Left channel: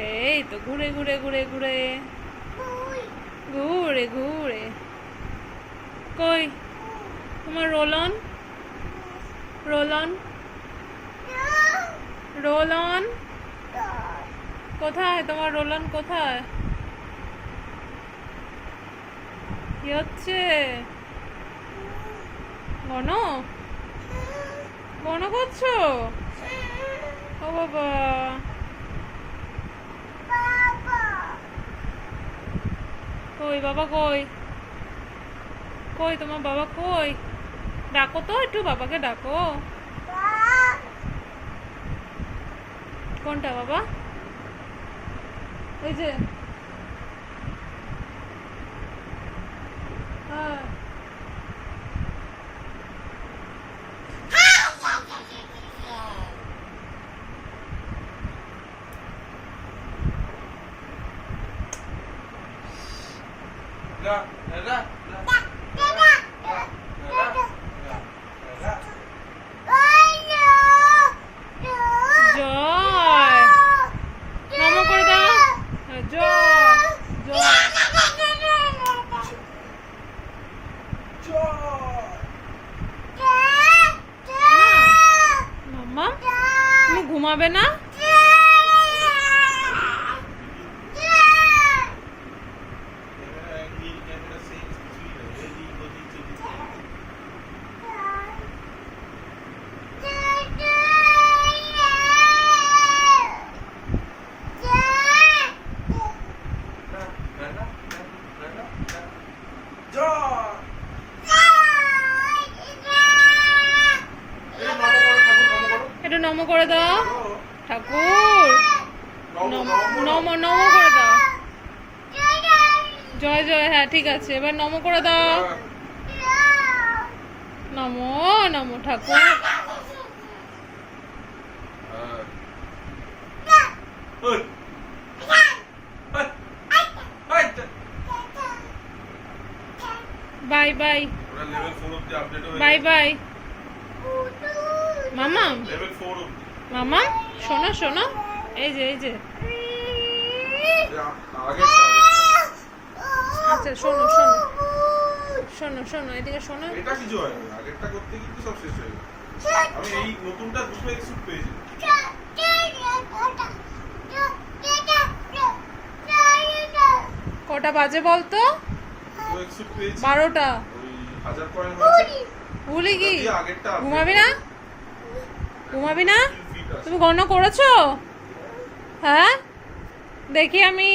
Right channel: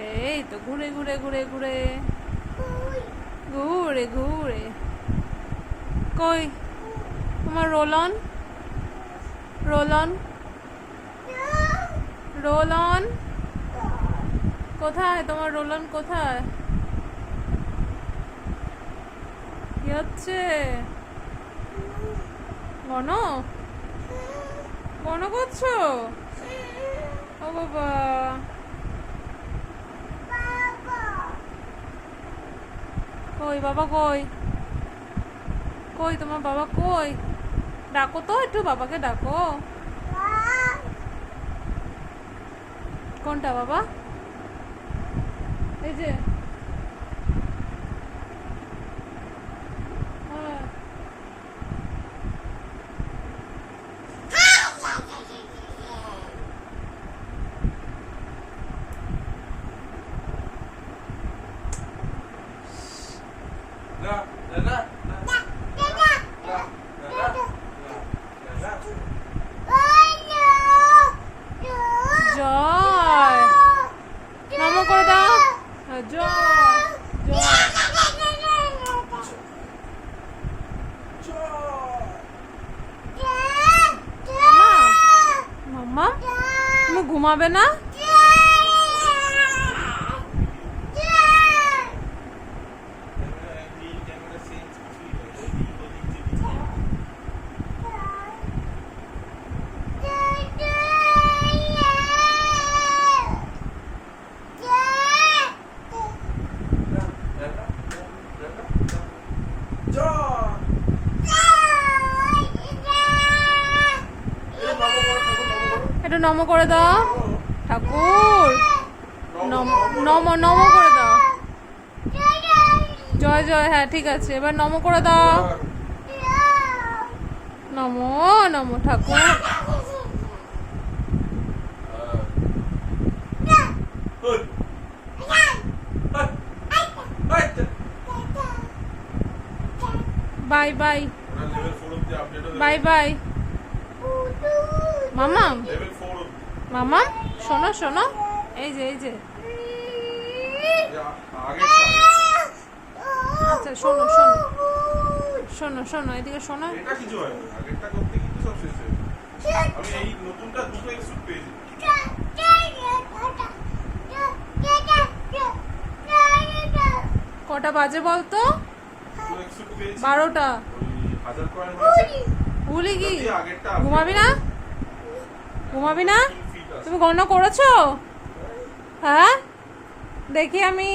এই তো ঘুরে ঘুরে ঘুরে ঘুরে ঘুরে ঘুরে। কই তোমার roll on, roll on, roll on কোথায়? তোমার রোল অন কোথায়? কি হচ্ছে? গণ গণ করছো? ও বাবা, কই বাবা কই? কই তোমার বাবা কই? ডাকো তো একটু, বাবাকে ডাকো। কোনটা বাবা? এই যে হ্যাঁ। জয় নমো করে দাও। জয় জয়। মাম্মা তুমি ঘুমাবে না? একটু নমো করে দাও ঠাকুর, নমো নমো করে দাও। জয় জয়, হ্যাঁ ঠিক আছে, এবার নমো করে দাও। নমো নমো ঠাকুর। বাই বাই বাই বাই মামা। মামা শোনো শোনো, এই যে এই যে, আচ্ছা শোনো শোনো শোনো শোনো, এদিকে শোনো। এটা কিছু হয় না, আগেরটা করতে কিন্তু সব শেষ হয়ে গেল। আমি এই নতুনটা দুটো এক্সুট পেয়েছি। কটা বাজে বলতো? 12টা। 12টা। ওই 1000 কয়েন আছে। ভুলি কি? আগেরটা ঘুমাবি না? ঘুমাবি না? তুমি গণনা করেছো? হ্যাঁ দেখি আমি।